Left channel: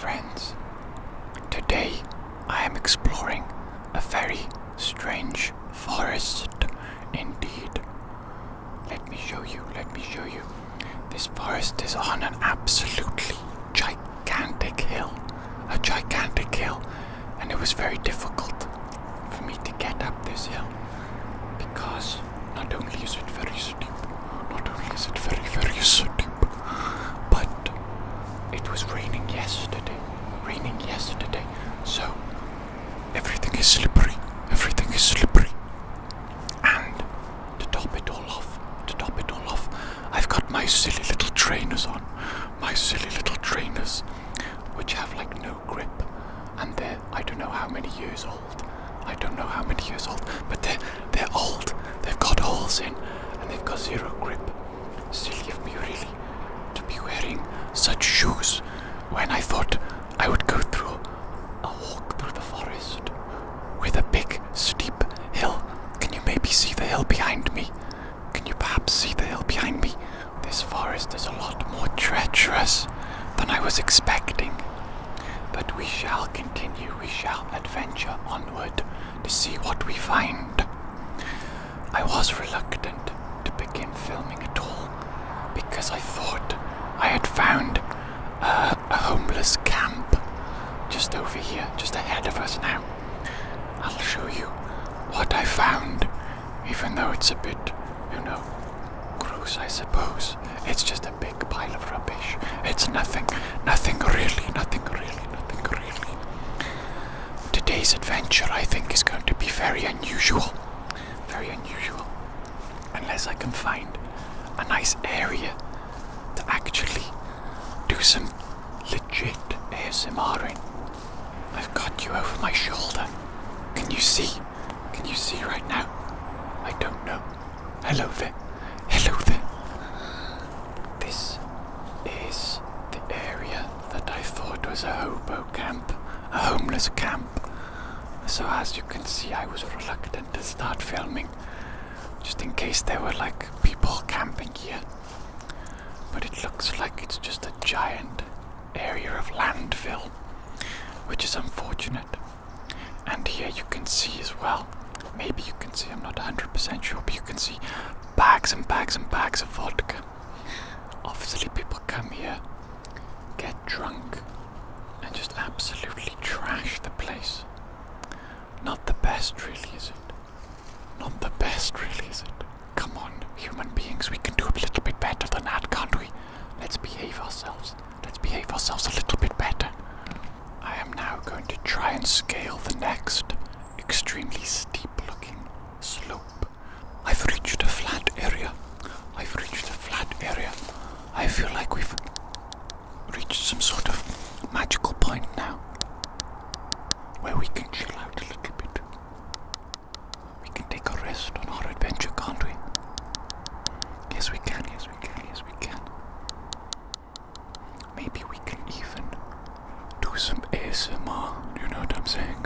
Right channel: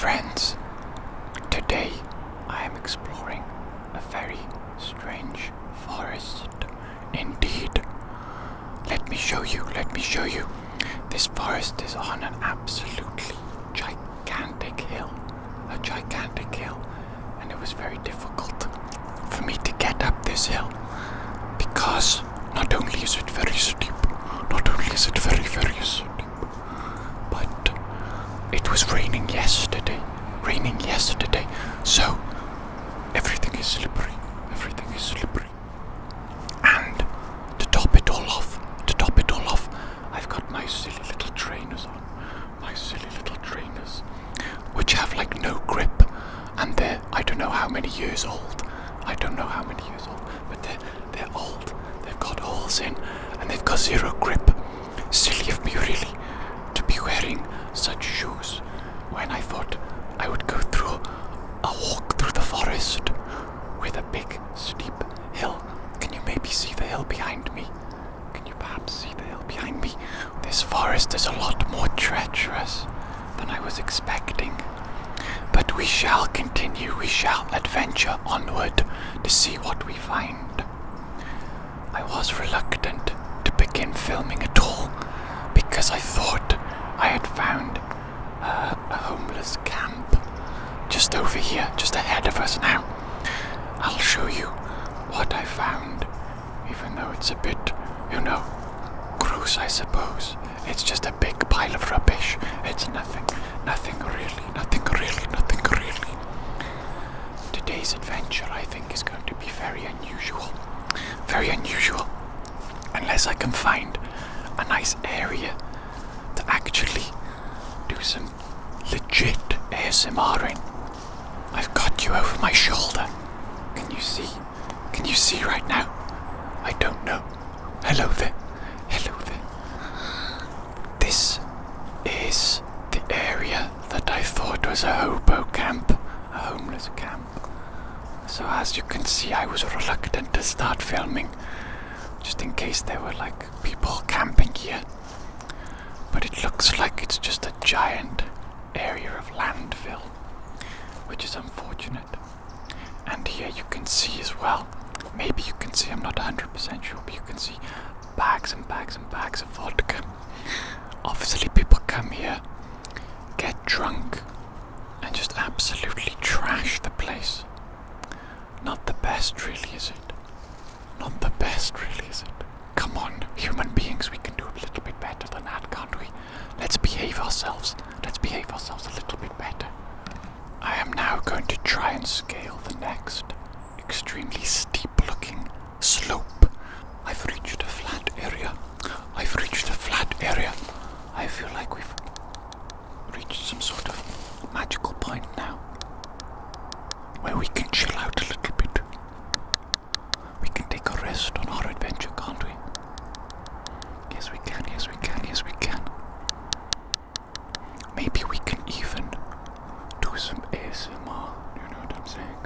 friends. Today I am exploring a very strange forest indeed. Let me show you. This forest is on an absolutely gigantic hill. And it was very difficult for me to get up this hill because not only is it very steep, very steep, but it was raining yesterday, so everything is slippery, and to top it all off, I've got my silly little trainers on, which have like no grip, and I don't know how many years old, but they're old, they've got holes in, and they've got zero grip. Silly of me really to be wearing such shoes when I thought I would go through a walk through the forest with a big steep hill. Can you maybe see the hill behind me? Can you perhaps see the hill behind me? This forest is a lot more treacherous than I was expecting. But we shall continue, we shall adventure onward to see what we find. I was reluctant to begin filming at all because I thought I had found a homeless camp just over here, just ahead of us now. I'll show you what I found, even though it's a bit, gross, I suppose. It's just a big pile of rubbish. It's nothing really. Today's adventure, I think, is going to be very unusual, unless I can find a nice area to actually do some legit ASMR in. I've got you over my shoulder. Can you see? Right now? I don't know. Hello there. This is the area that I thought was a hobo camp, a homeless camp. So as you can see, I was reluctant to start filming, just in case there were people camping here. But it looks like it's just a giant area of landfill, which is unfortunate. And here you can see as well, maybe you can see, I'm not 100% sure, but you can see bags and bags of vodka. Obviously people come here, get drunk, and just absolutely trash the place. Not the best really, is it? Come on, human beings, we can do a little bit better than that, can't we? Let's behave ourselves a little bit better. I am now going to try and scale the next extremely steep looking slope. I've reached a flat area. I feel like we've reached some sort of magical point now where we can chill out a little bit. We can take a rest on our adventure, can't we? Yes, we can. Maybe we can even do some ASMR, you know what I'm saying?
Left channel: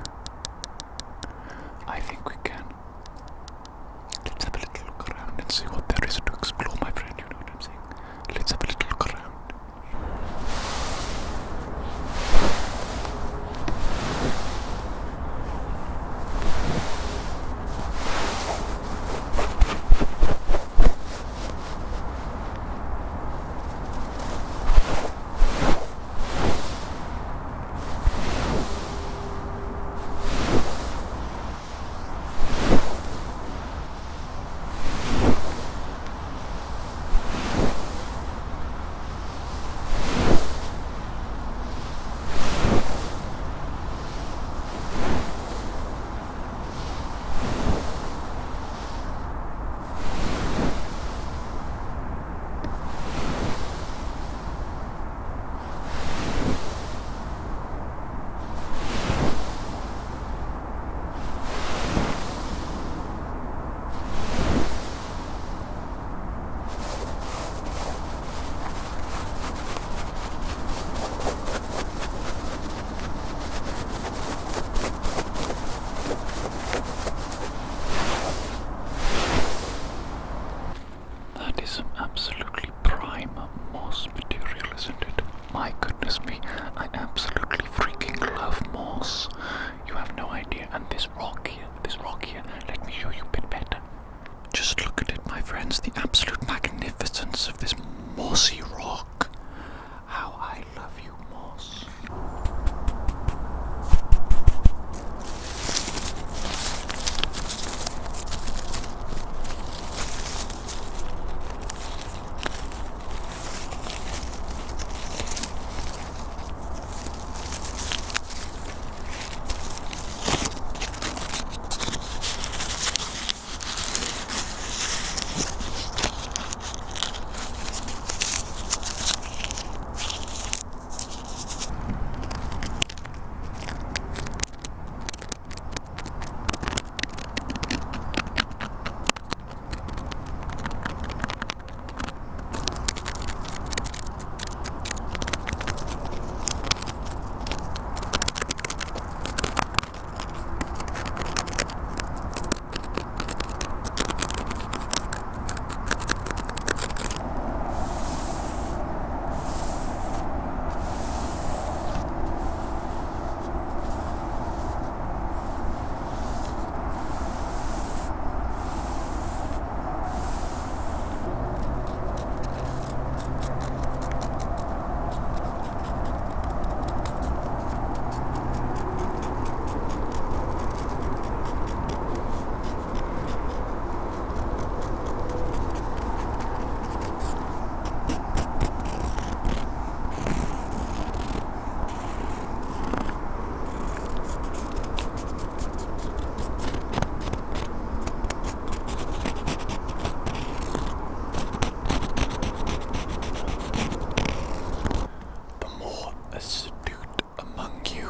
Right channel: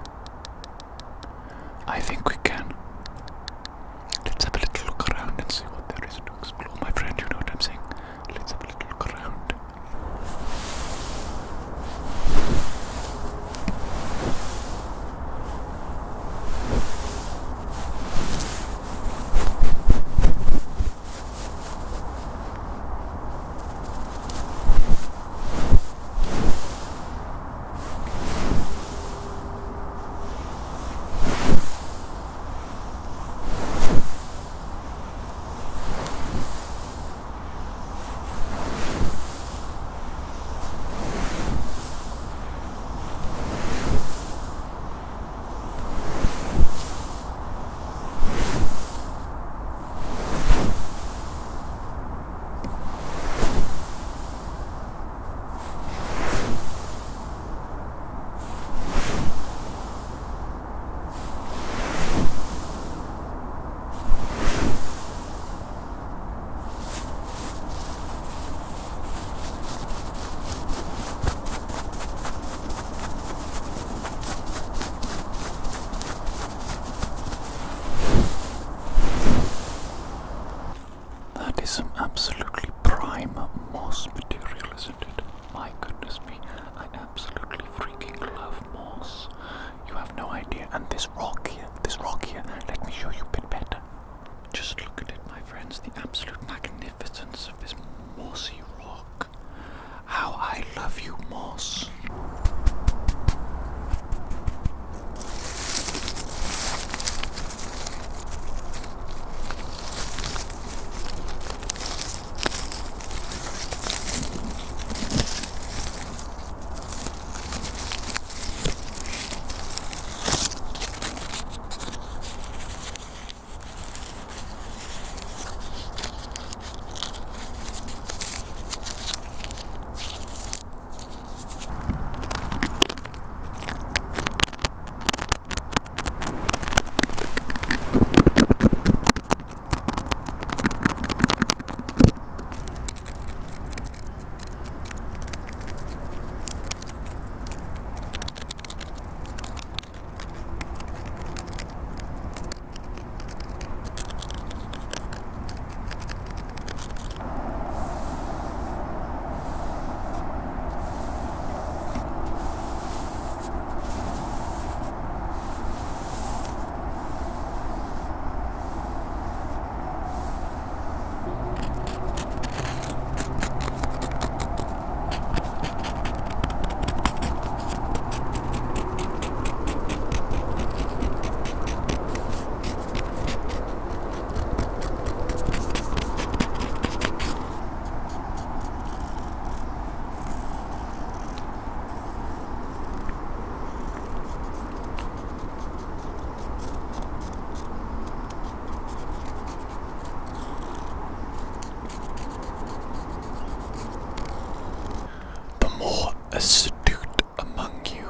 astute among you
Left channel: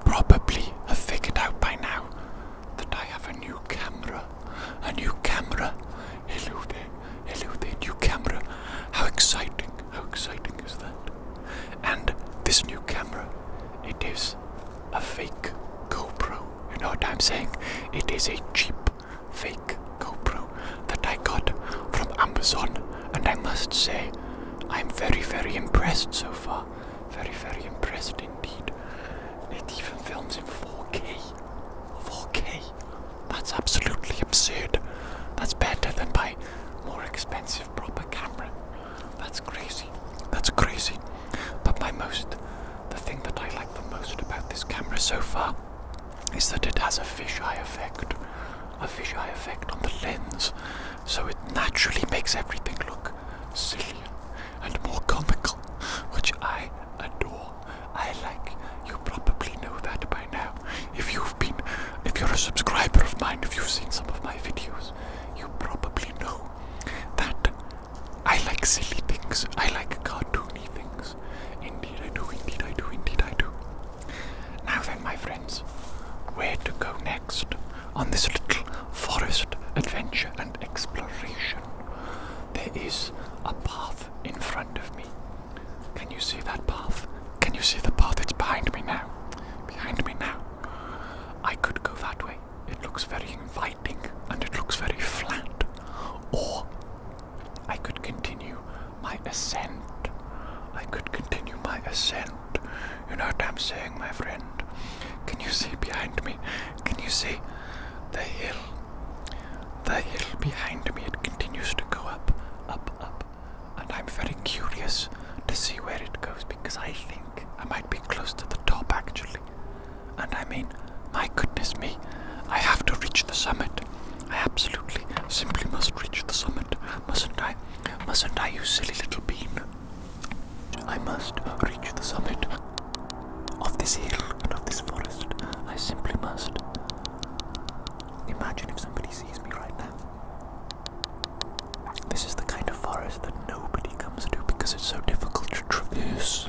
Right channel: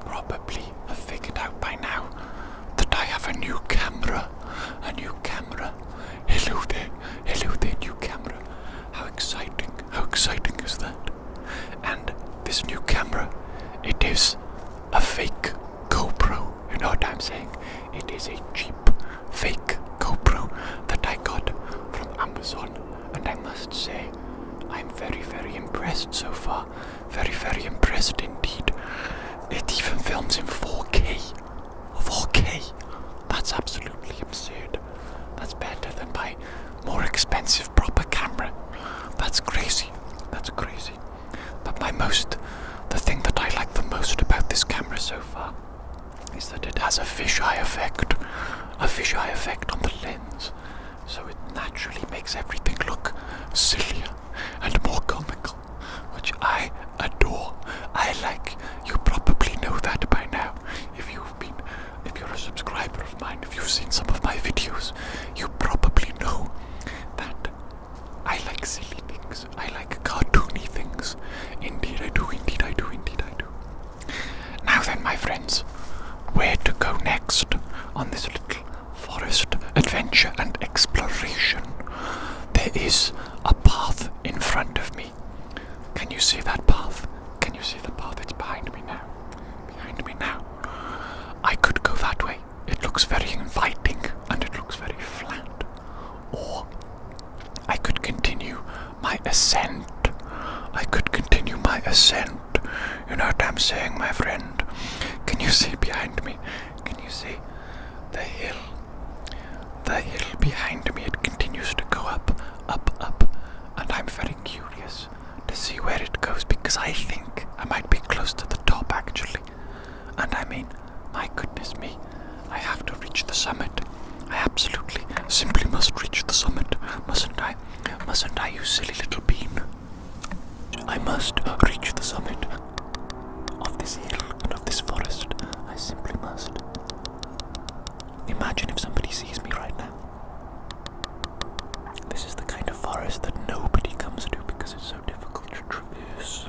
probably have figured out by now that I have a new camera. A new camera. Hello there, new camera. How exciting is that? And this new camera, it is a fake GoPro. You know what I'm saying? It is a cheap, fake GoPro that I got from Amazon. And I must say, I'm very, very impressed so far. Very, very impressed indeed. It even films in 4K. 4K. That's absolutely absurd. That's better than my more expensive proper camera. That's crazy. That's crazy. But the thing that I like the most about this camera so far is that it has a fisheye effect. A fisheye effect on the lens. So it naturally makes everything look sillier and more comical, which I adore. I like. You probably know that by now. If you're a subscriber of mine, if you've seen some of my videos, you probably know that I like silly things. I like cartoony things. Indeed I do, indeed I do, indeed I do. Now then, my friends, where to go next on this little forest adventure and exploration? There is a path in front of me. Can you see that path? Can you see the path? It's behind me now. Behind me now. I could go that way. It looks very inviting and it looks very flat. Or I could continue my ascent. You know what I'm saying, my friend? Can you see behind me? Can you see the hill? The hill behind me, it continues to go up, and I'm very curious to see where it goes, because I think I might be close to the top actually. And I mean, my goodness me, I have to reach the summit. I absolutely, simply must reach the summit, mustn't I? Mustn't I, you silly little bean? I must reach the summit of this hill and of this forest. I simply must. Imagine if somebody sees me right now. This is the kind of forest that nobody comes to because it's so difficult to traverse.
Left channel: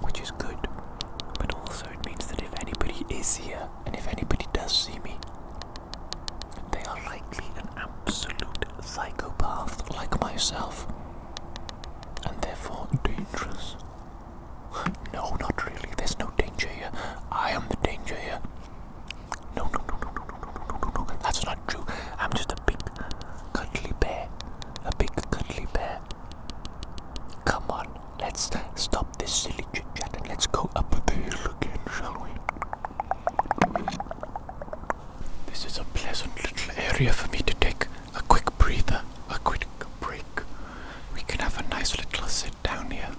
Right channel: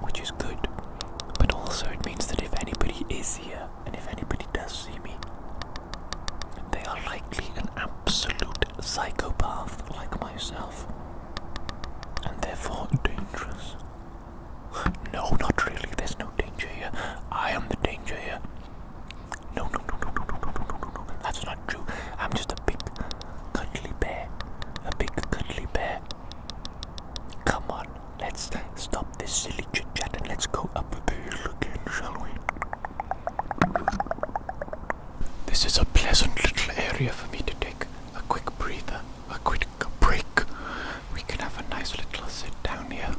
Which is good. But also it means that if anybody is here, and if anybody does see me, they are likely an absolute psychopath like myself. And therefore dangerous. No, not really. There's no danger here. I am the danger here. No. That's not true. I'm just a big, cuddly bear. A big, cuddly bear. Come on, let's stop this silly chit-chat and let's go up the hill again, shall we? This is a pleasant little area for me to take a quick breather, a quick break. We can have a nice little sit down here,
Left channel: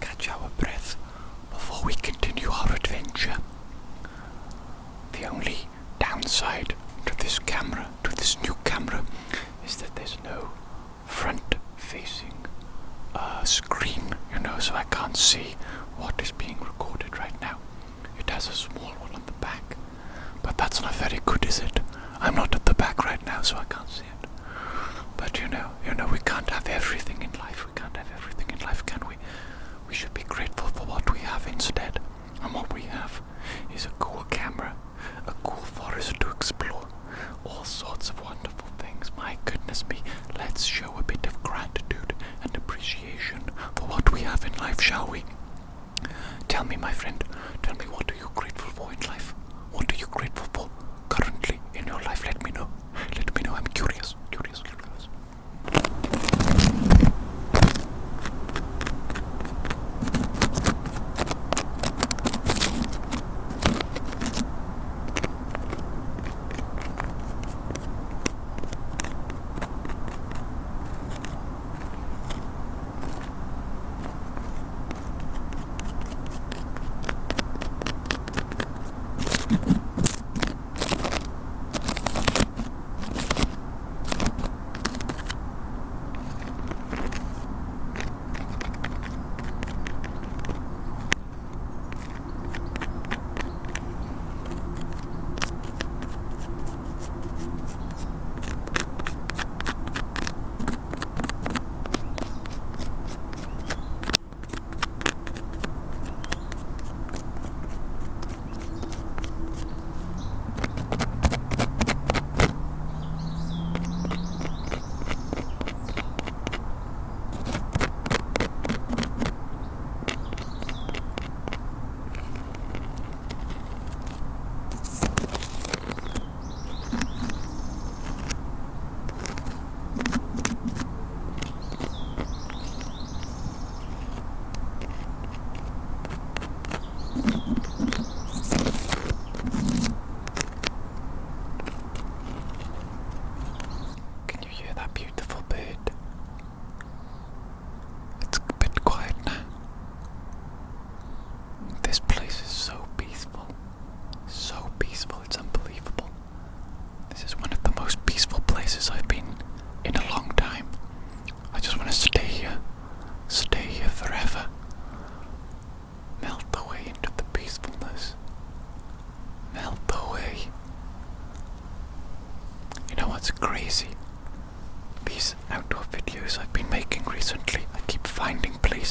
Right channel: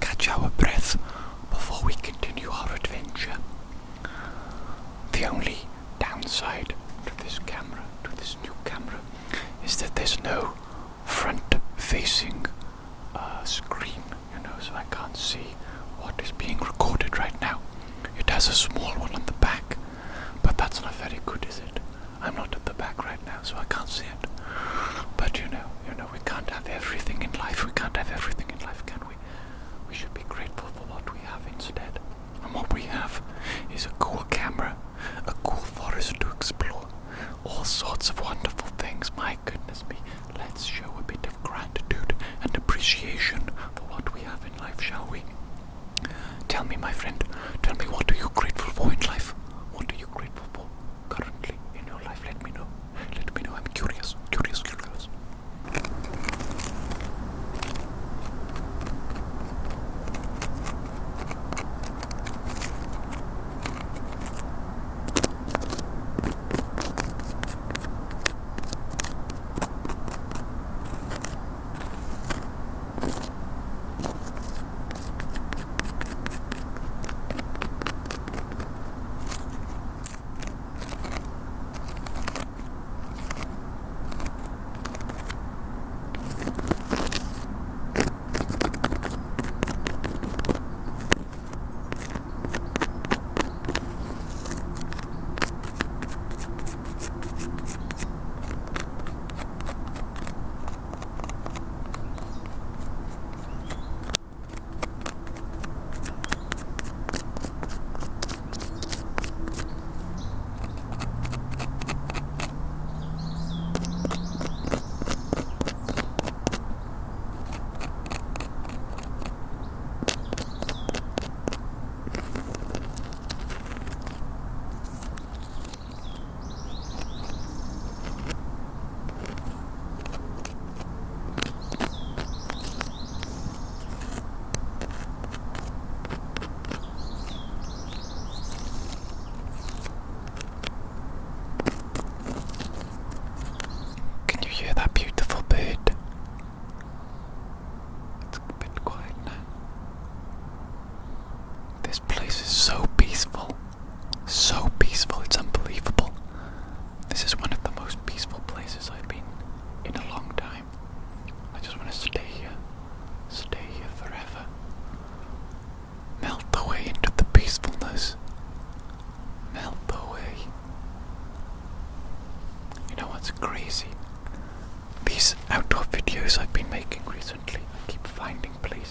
catch our breath before we continue our adventure. The only downside to this camera, to this new camera, is that there's no front-facing screen, so I can't see what is being recorded right now. It has a small one on the back, but that's not very good, is it? I'm not at the back right now, so I can't see it. But you know, we can't have everything in life. We can't have everything in life, can we? We should be grateful for what we have instead. And what we have is a cool camera, a cool forest to explore, all sorts of wonderful things. My goodness me, let's show a bit of gratitude and appreciation for what we have in life, shall we? Tell me, my friend, tell me, what are you grateful for in life? What are you grateful for currently in your life? Let me know. Let me know. I'm curious.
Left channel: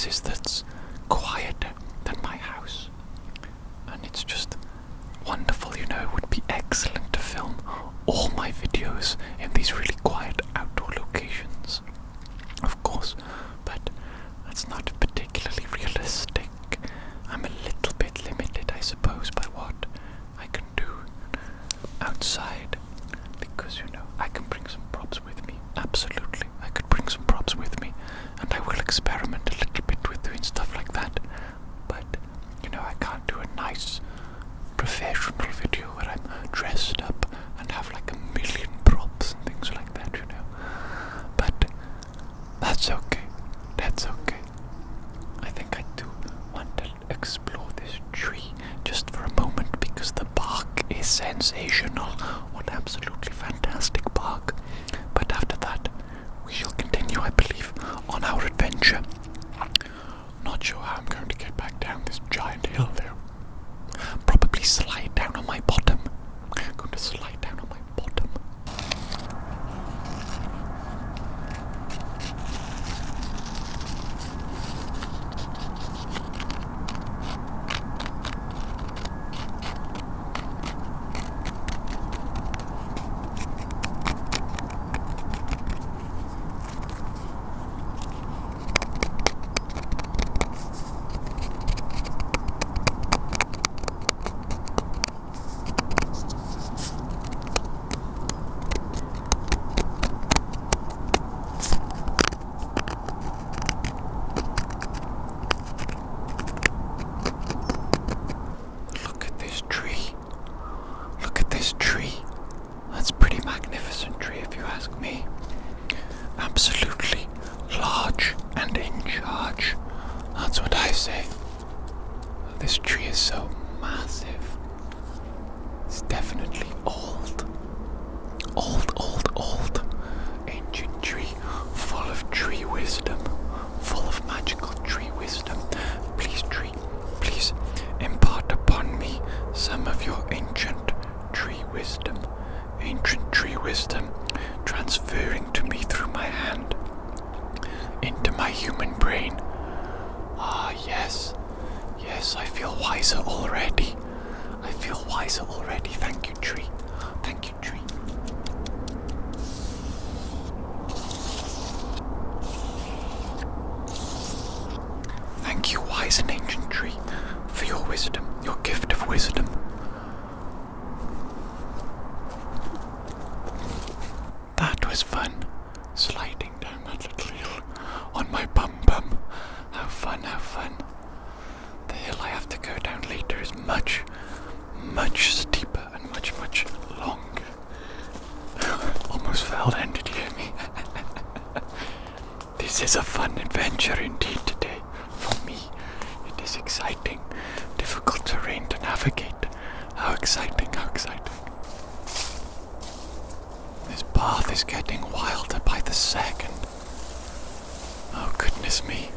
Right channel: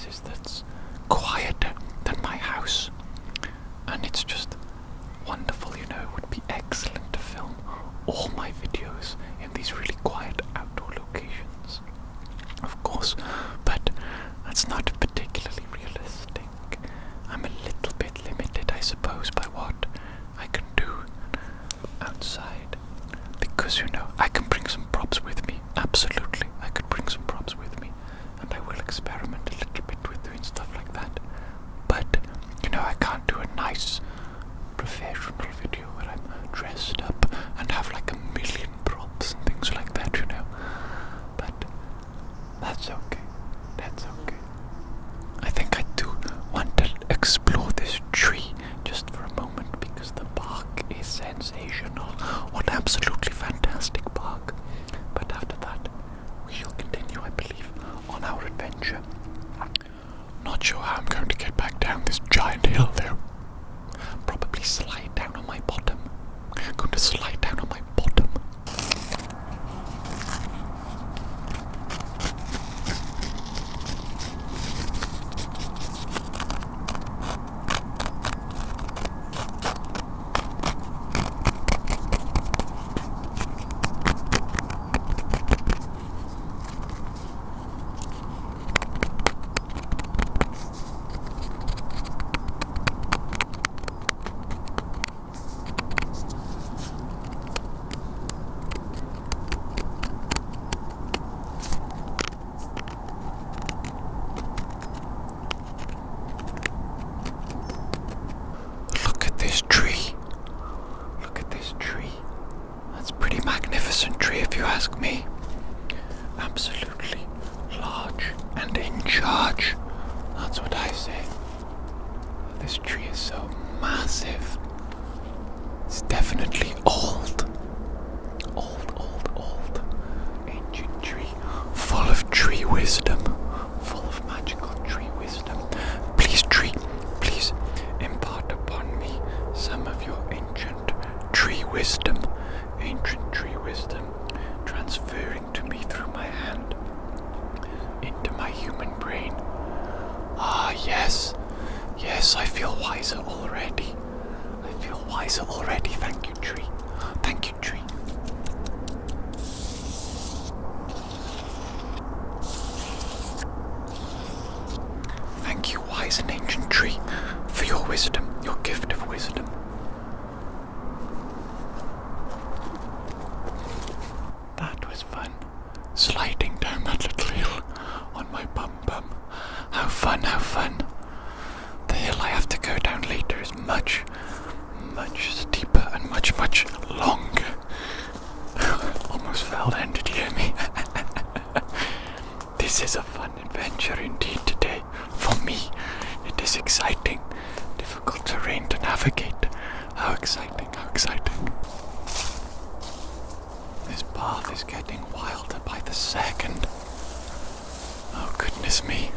places that's quieter than my house. And it's just wonderful, you know. It would be excellent to film all my videos in these really quiet outdoor locations, of course, but that's not particularly realistic. I'm a little bit limited, I suppose, by what I can do outside, because, you know, I can bring some props with me. Absolutely, I could bring some props with me, and I will experiment a little bit with doing stuff like that. But, you know, I can't do a nice professional video where I'm dressed up and have like a million props and things like that, you know. But that's okay. That's okay. I think I do want to explore this tree just for a moment, because the bark is sensational. What absolutely fantastic bark. But after that, we shall continue, I believe, on our adventure. Not sure how I'm going to get back down this giant hill there. Probably slide down on my bottom. I'm going to slide down on my bottom. Me. Absolutely large and in charge. That's what I say. This tree is so massive. It's definitely old. Old. Ancient tree. Full of tree wisdom. Full of magical tree wisdom. Please, tree, please impart upon me some of your ancient tree wisdom. Ancient tree wisdom. Transferring to me through my hand into my human brain. Ah, yes, I feel wiser already. Thank you, tree. Thank you, wise and ancient tree, for your wisdom, your gift of wisdom. That was fun, sliding down that little hill on my bum. How fun. The hill I have to go down later is much steeper and much longer. Almost fell then, did you hear me? This is a fun adventure indeed today. For me, it is exciting. Difficult terrain to navigate. How exciting. This path is getting wilder by the second. Oh goodness me.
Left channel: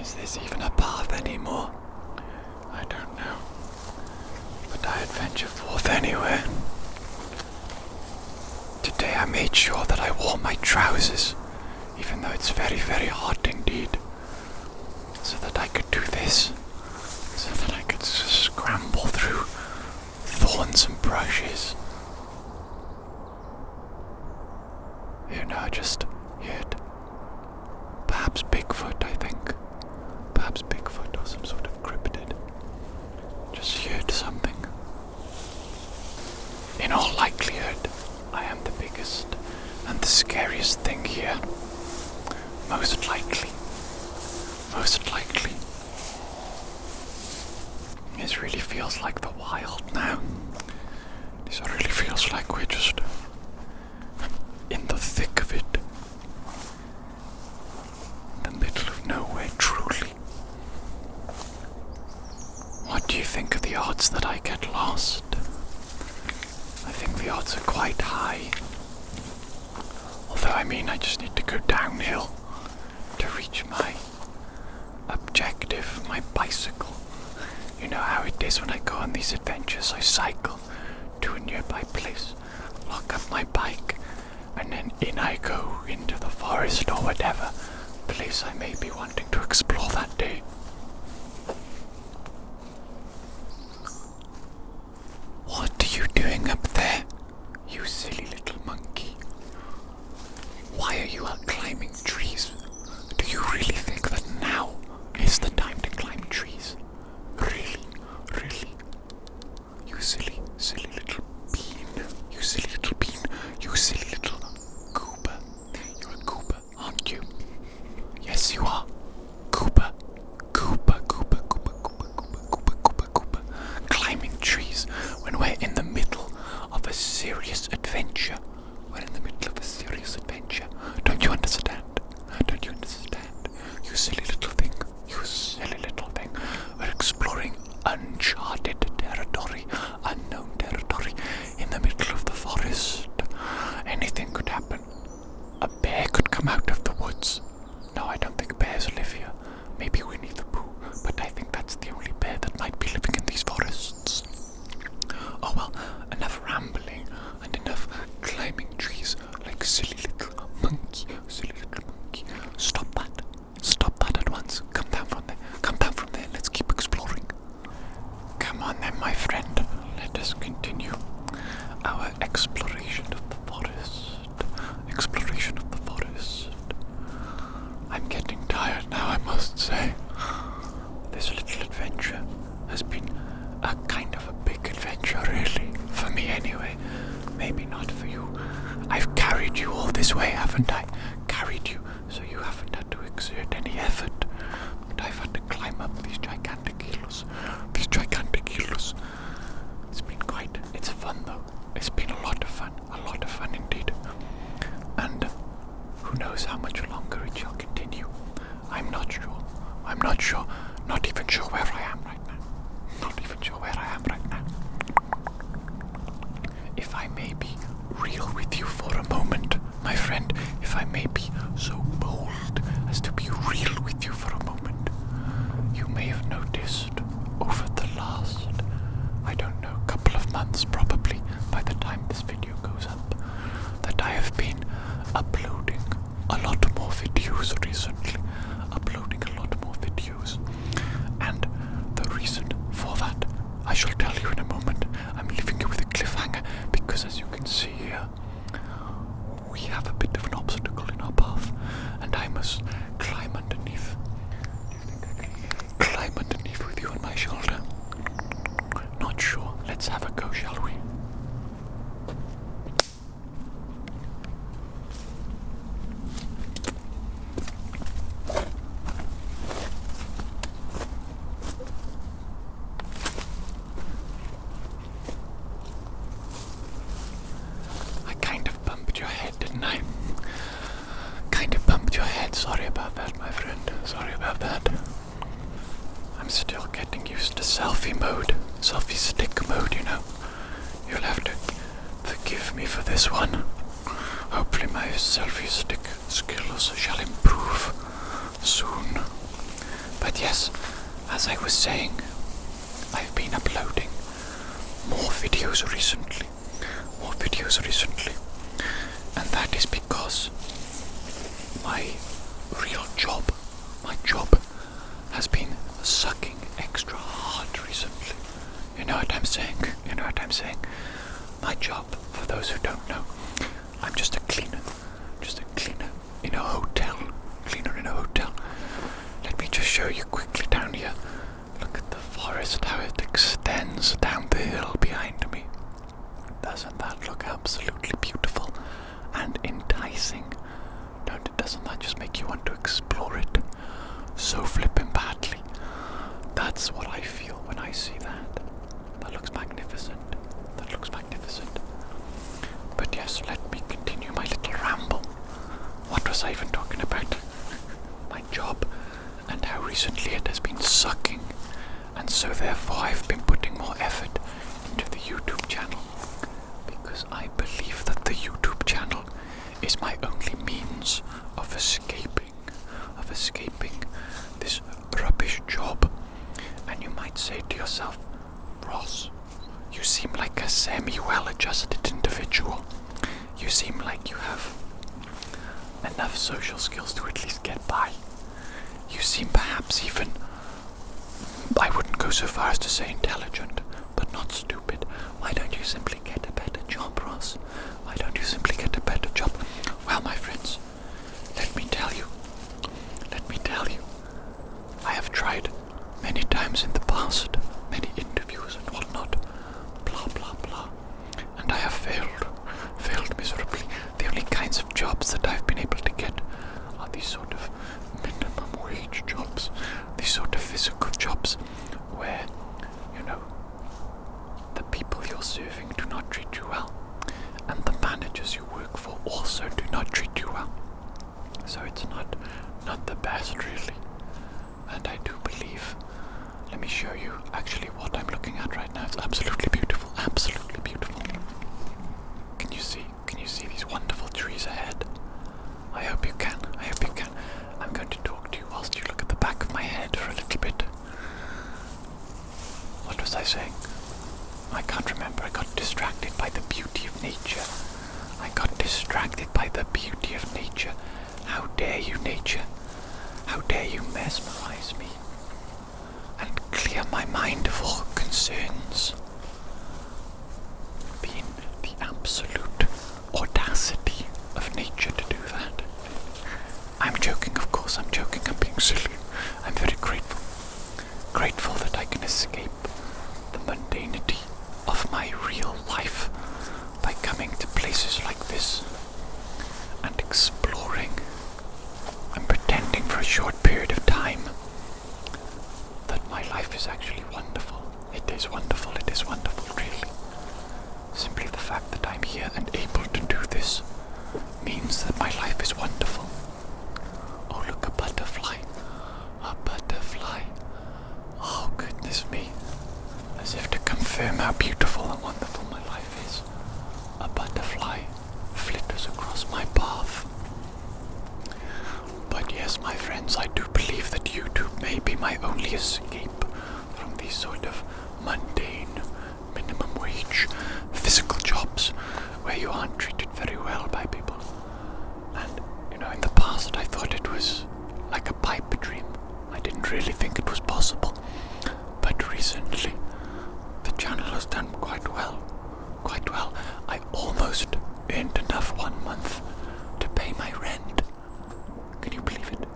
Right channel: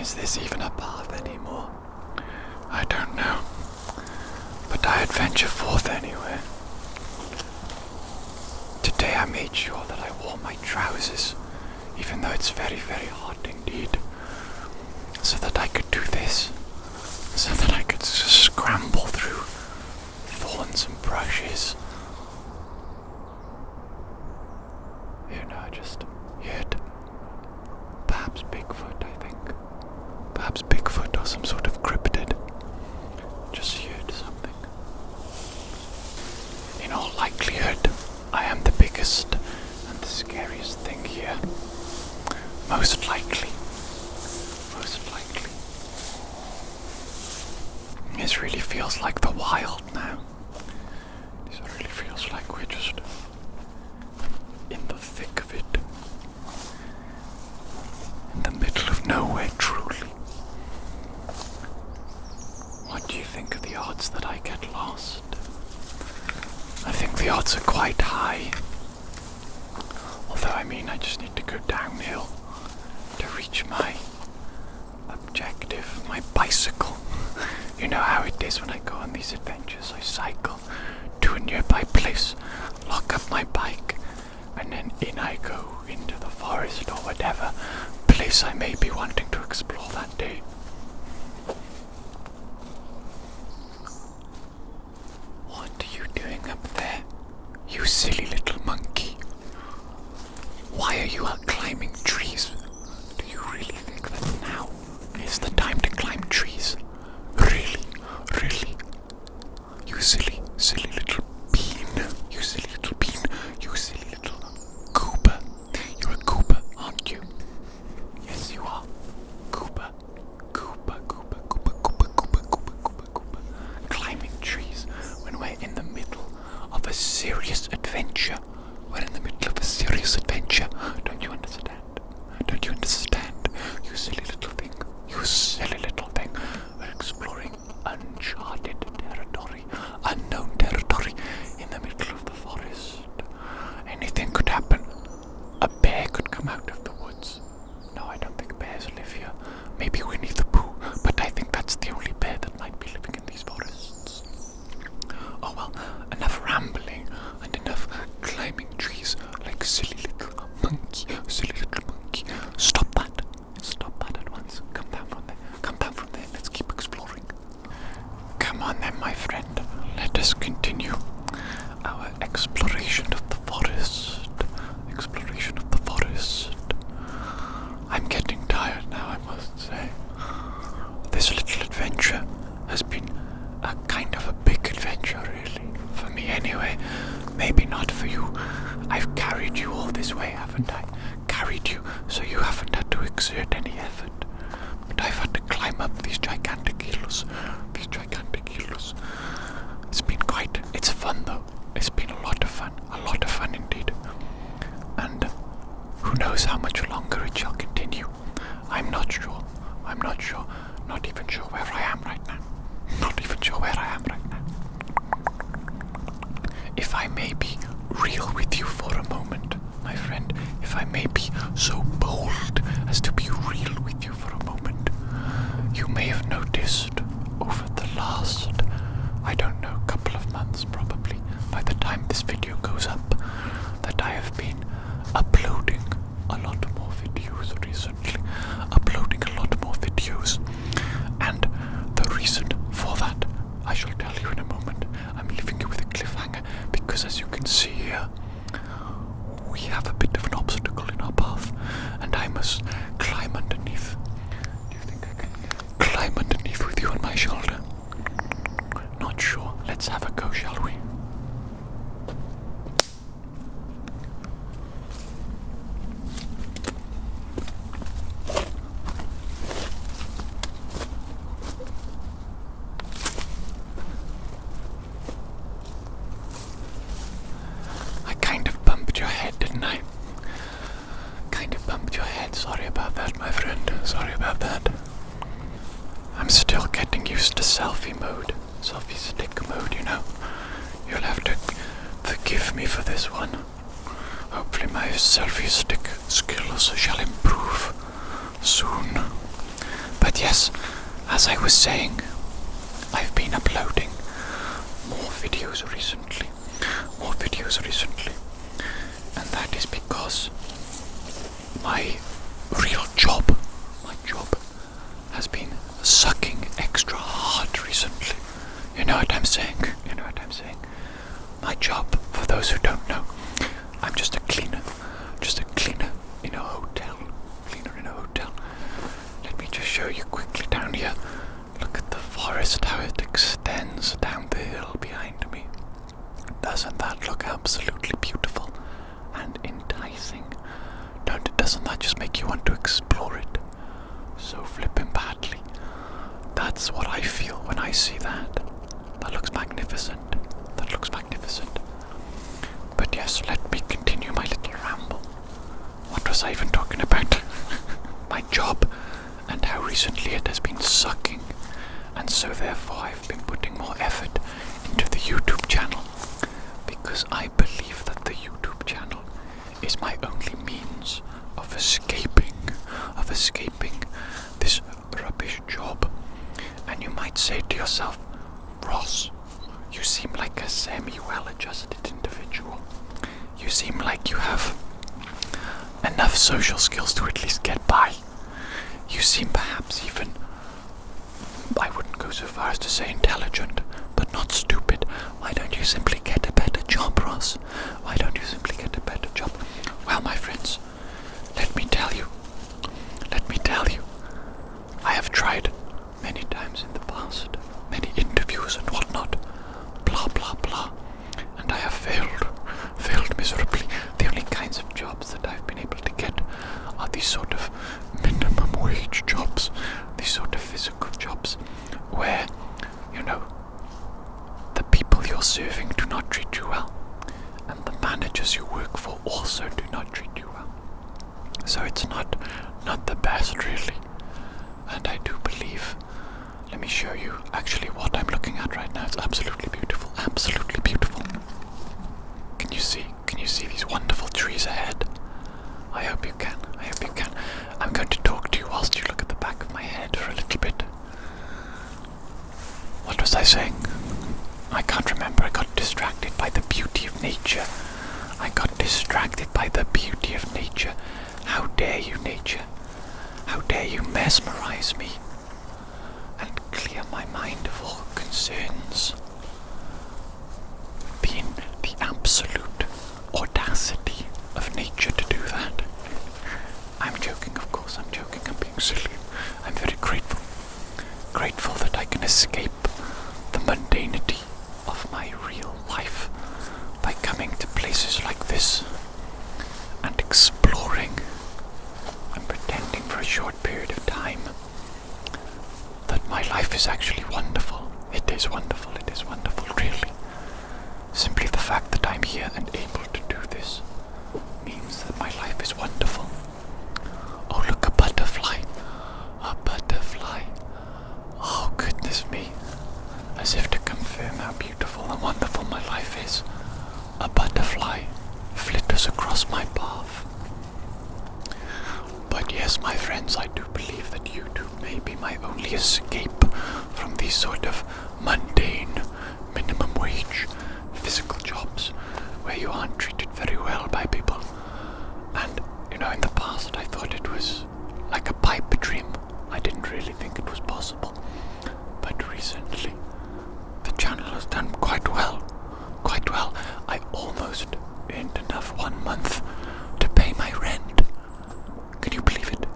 Is this even a path anymore? I don't know. But I adventure forth anyway. Today I made sure that I wore my trousers, even though it's very hot indeed, so that I could do this, so that I could scramble through thorns and brushes. You know, I just heard perhaps Bigfoot, I think. Perhaps Bigfoot or some sort of cryptid. Just heard something. In all likelihood, I am the biggest and the scariest thing here. Most likely. This really feels like the wild now. This really feels like we're just in the thick of it. In the middle of nowhere, truly. What do you think of the odds that I get lost? the odds are quite high. Although, I mean, I just need to go downhill to reach my objective, my bicycle. You know how it is when I go on these adventures. I cycle to a nearby place, lock up my bike, and then in I go into the forest or whatever place I may be wanting to explore that day. What are you doing up there, you silly little monkey? Why are you out climbing trees? Do you really think that now is the time to climb trees? Really? Really? You silly, silly little bean. You silly little bean. You silly little goober. You're a goober, aren't you? Yes, you are. Goober. Goober, goober, goober, goober, goober, goober, goober, goober. Climbing trees when we're in the middle of a serious adventure. We're in the middle of a serious adventure. Don't you understand? Don't you understand? You silly little thing. You silly little thing. We're exploring uncharted territory, unknown territory in the middle of the forest. Anything could happen. A bear could come out of the woods. No, I don't think bears live here. Maybe Winnie the Pooh, but I think that's the only bear that might be living in these forests. Oh well, enough rambling and enough climbing trees like silly little monkey, silly little monkey. Stop that. Stop that at once. Come down from there. Come down from there. Let's keep exploring. Come on then, my friend. Let us continue our exploration of the forest. Exploration of the forest. I'm getting tired now, I must say. This little adventure has been a kind of a big adventure, really. For me, anyway. Maybe not for you. I've carried you all this way, haven't I? Carried you, so you haven't had to exert any effort. But I've had to climb up these gigantic hills. These gigantic hills. It's fun though. It's been a lot of fun indeed. And who knows how much longer it shall continue. I'm not sure. Not even sure where I am right now. If I may be real with you for a moment, my friend, if I may be so bold as to be real with you for a moment, you may have noticed over the last, I don't know, couple of months probably, by the time this video goes up, that I have been uploading a lot more videos recently. And the reason for that, I shall tell you in a moment. I'm leaving you with a cliffhanger because, as you can see here, we have a bit of an obstacle in our path and I must climb underneath. Do you think I can climb underneath with you on my shoulder? Not sure. Let's have a go, shall we? Sorry about that, my friend. Sorry about that. I'm still getting used to selfie mode. Selfie stick mode, you know. You'll have to forgive me for this one. Hopefully my selfie stick skills shall improve soon. But yes, as I was saying, I've been uploading more videos recently. And that is because my job has been sucking extra hard recently. You know what I'm saying? My job, for those who don't know, I'm just a cleaner in a hotel. Let me just show you quickly down here. Look at the forest, how it extends down the hill behind me. Doesn't that look absolutely beautiful and enticing? Doesn't that just make you want to explore it so flippin' badly? That's what I feel when I see that. That looks magnificent. But yes, let me continue my little ramble. What was I even talking about? My job and how recently it has been sucking, and so therefore I've been putting more effort into the YouTube channel. Because because I believe that the YouTube channel is my only means of escaping this rubbish job. And you might say to yourself, Ross, you seem like a semi-well-adjusted individual. You seem like you have enough social skills to at least get by. You seem perhaps even, I wouldn't go so far as to say intelligent, but not stupid. Why don't you simply get a better job, Ross? Why don't you simply get a better job? Well, my friends, let me tell you, I have tried many times in the past, many interviews and whatnot, blah blah blah, and I have failed miserably. The only kinds of jobs that I've been able to get are these sort of minimum wage jobs, these sort of physical jobs where, you know, the people you're serving do not treat you well, and the managers you work for also do not treat you well. So it's not the best, really. And I do believe, let me show you actually what I'm looking at right now. It's absolutely beautiful, absolutely beautiful. Can you see these wonderful trees ahead? I hope you can. I'm going to talk to you whilst you look at the back of my head for a little bit. What was I saying? I can't remember. I got distracted by the beauty of nature. How dare you, nature? How dare you mesmerize me and clear my mind of all concerns? The absolute audacity of nature to do that. I'm joking, of course, I'm being silly. I'm very grateful that I can escape the mundanity of my real life by coming to places like this and exploring and pretending for a short period of time that my life is actually wonderful. It is wonderful, really. Simply the fact that I'm here and able to do this means that my life is wonderful. Oh, look, a butterfly. Oh, goodness me. As if to confirm how beautiful and wonderful my life is, a butterfly flitters across my path. But yes, my friends, I do believe that YouTube may be my only escape from these sort of mundane, minimum wage, physical jobs where you aren't treated very well by people. And, you know, in the past I thought it was like a pipe dream. I didn't really think it was possible. But recently, the channel has done quite well. I almost earned enough 1 month to pay my rent. Can you believe it?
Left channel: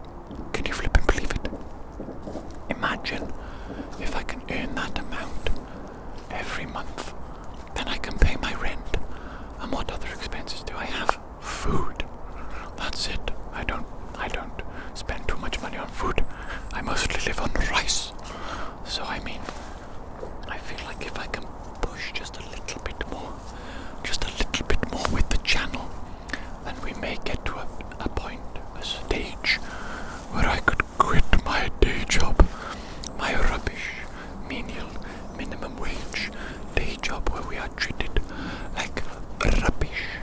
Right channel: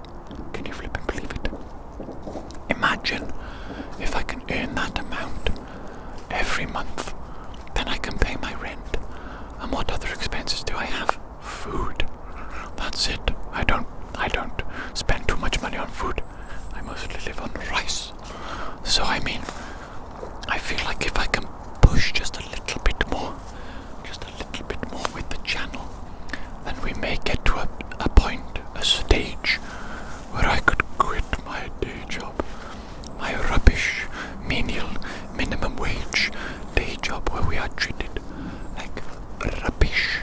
Can you flip and believe it? Imagine if I can earn that amount every month, then I can pay my rent. And what other expenses do I have? Food. That's it. I don't spend too much money on food. I mostly live on rice. So I mean, I feel like if I can push just a little bit more with the channel, then we may get to a point, a stage, where I could quit my day job, my rubbish, menial, minimum wage day job where we are treated like rubbish.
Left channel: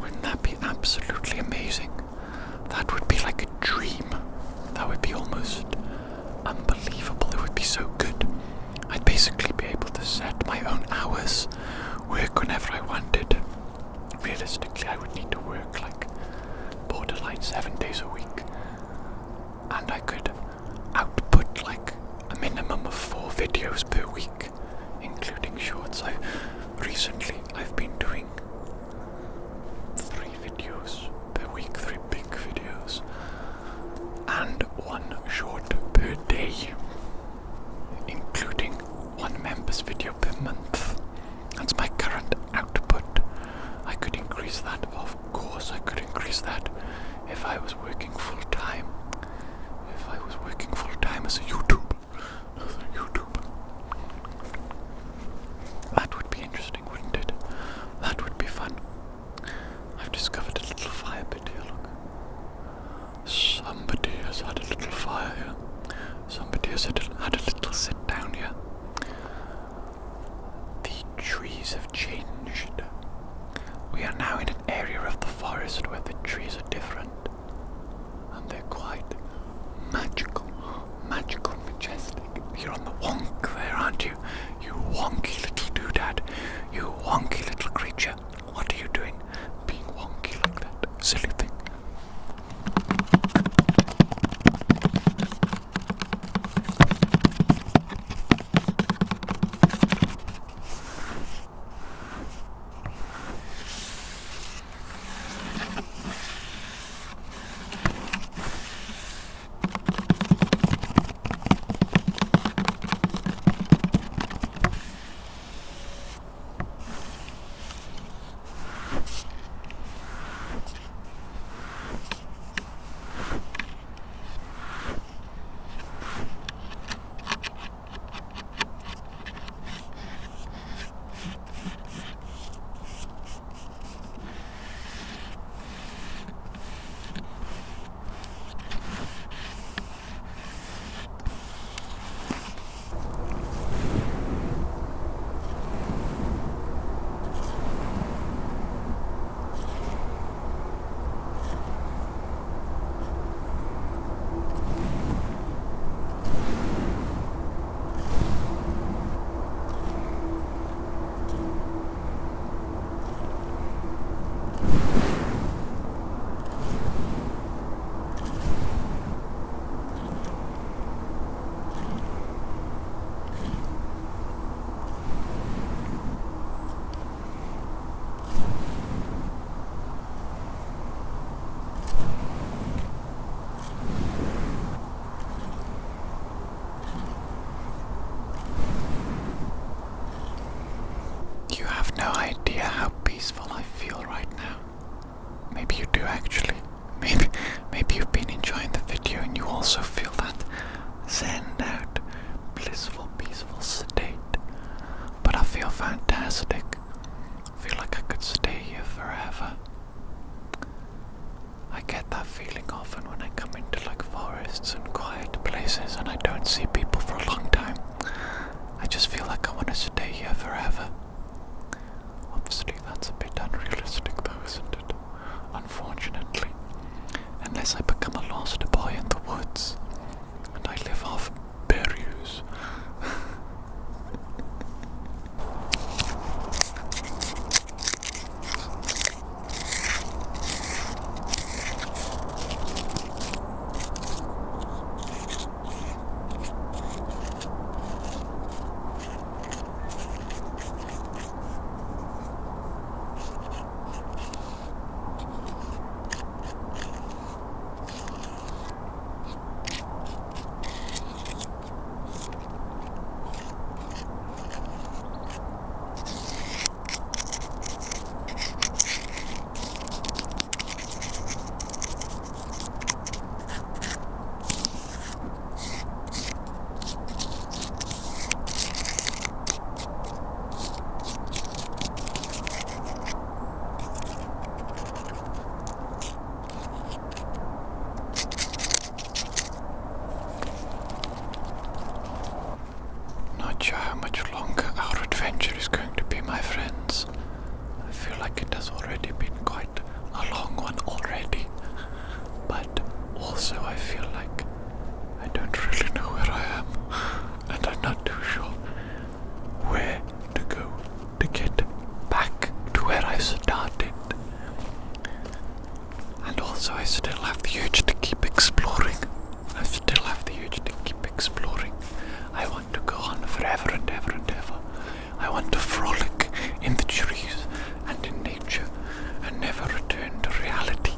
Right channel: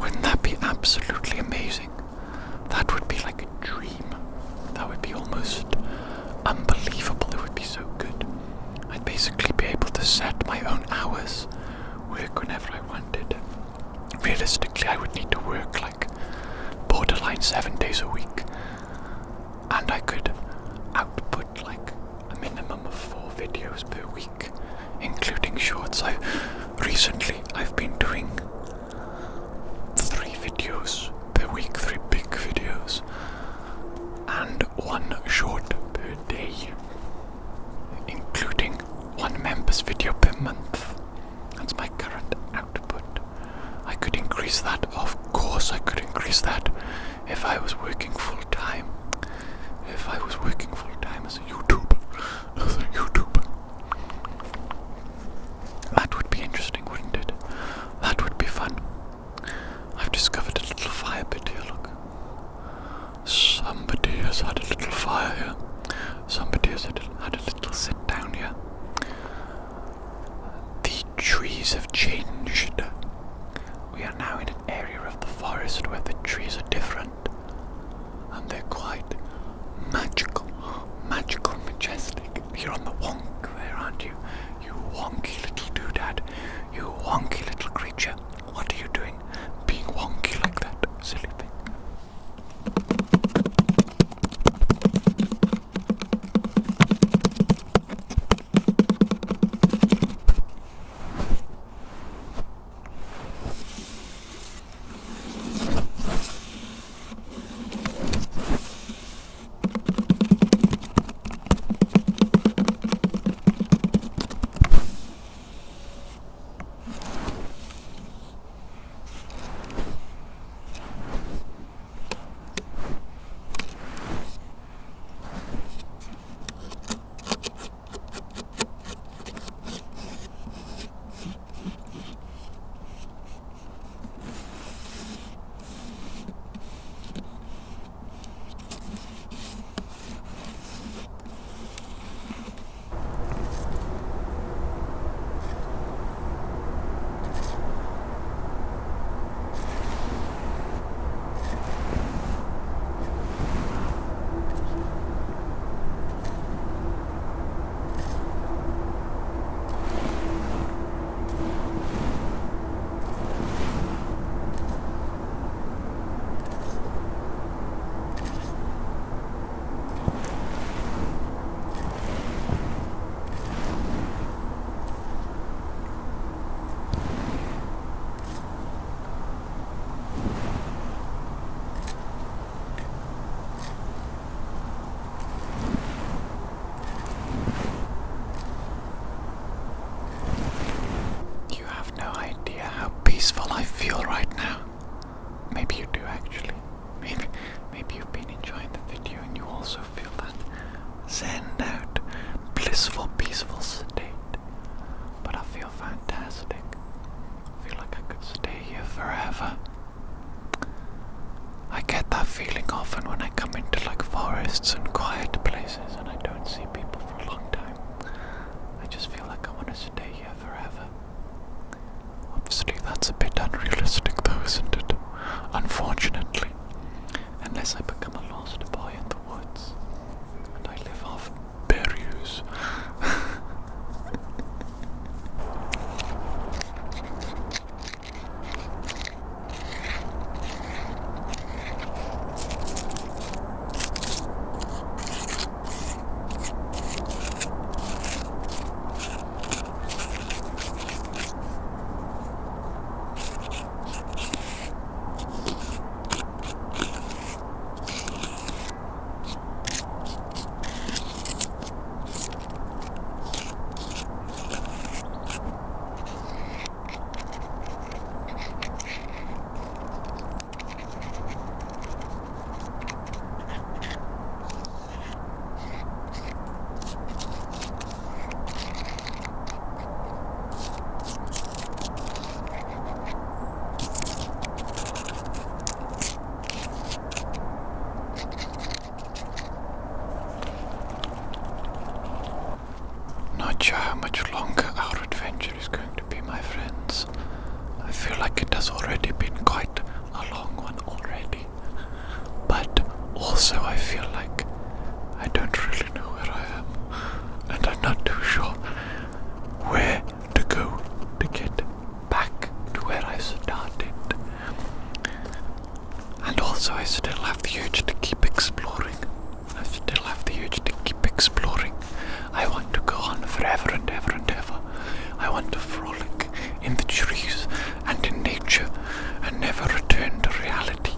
Wouldn't that be absolutely amazing? That would be like a dream. That would be almost unbelievable. It would be so good. I'd basically be able to set my own hours, work whenever I wanted. Realistically, I would need to work like borderline 7 days a week, and I could output like a minimum of 4 videos per week, including shorts. Recently I've been doing 3 videos per week, 3 big videos, and 1 short per day, including 1 members video per month. That's my current output. I could increase that, of course I could increase that if I was working full time. If I was working full time as a YouTuber. That would be interesting, wouldn't it? That would be fun. I've discovered a little fire pit here, look. Somebody has had a little fire here. Somebody has had a little sit down here. The trees have changed feel right now. Maybe you do actually. Maybe you've been enjoying the video and you also feel that zen out, blissful, peaceful state. But I feel fantastic. I feel like I could stay here forever. I get that feeling often when I come into like forests and quiet places and I don't see people for a long time. I just feel like I want to stay here forever. Obviously that's a bit unrealistic though, isn't it? Unfortunately. Unless I become a lost boy in the woods and I live off berries. Not sure how much longer our adventure is going to be, my friends. I feel like it has already been quite a long one already. But also I feel like I don't really know where I am. And I'm not too sure where to go to get back to where I started. And also I still have the urge to keep exploring. I still have the urge to keep exploring. I want to go on forever and ever and ever. I want to frolic in the trees and in nature and never return to reality.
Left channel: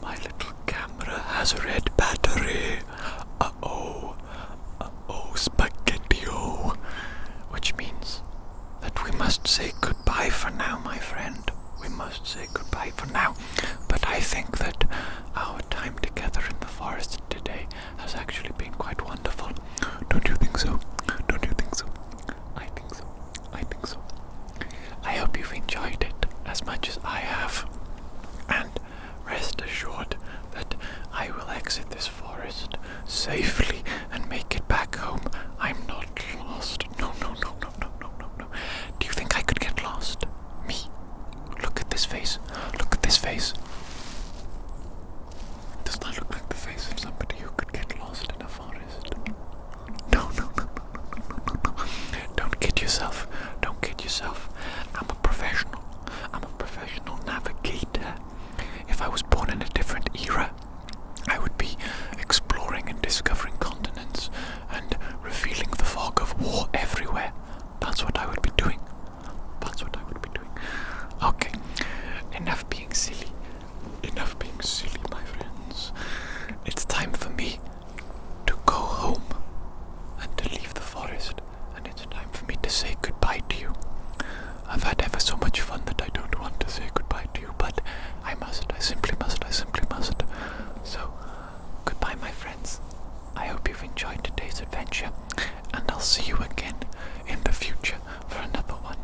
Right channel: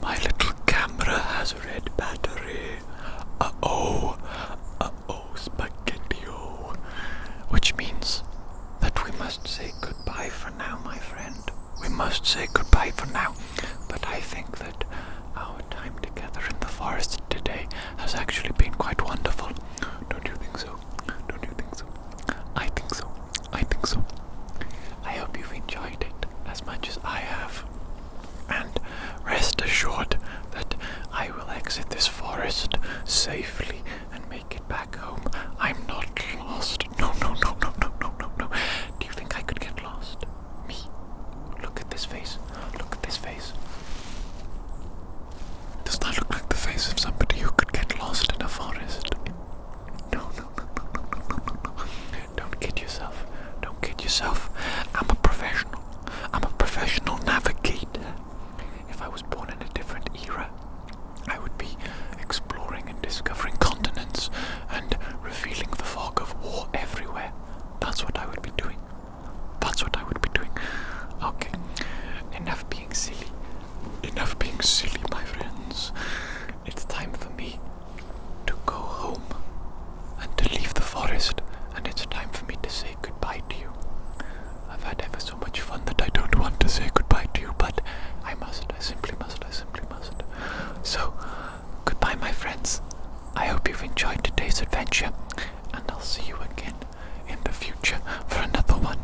My little camera has a red battery. Uh-oh, spaghetti-o. Which means that we must say goodbye for now, my friend. We must say goodbye for now. But I think that our time together in the forest today has actually been quite wonderful. Don't you think so? Don't you think so? I think so. I think so. I hope you've enjoyed it as much as I have. And rest assured that I will exit this forest safely and make it back home. I'm not lost. No. Do you think I could get lost? Me? Look at this face. Look at this face. Does that look like the face of somebody who could get lost in a forest? No. Don't kid yourself. Don't kid yourself. I'm a professional. I'm a professional navigator. If I was born in a different era, I would be exploring and discovering continents and revealing the fog of war everywhere. That's what I would be doing. That's what I would be doing. Okay, enough being silly. Enough being silly, my friends. It's time for me to go home and to leave the forest, and it's time for me to say goodbye to you. today's adventure, and I'll see you again in the future for another one.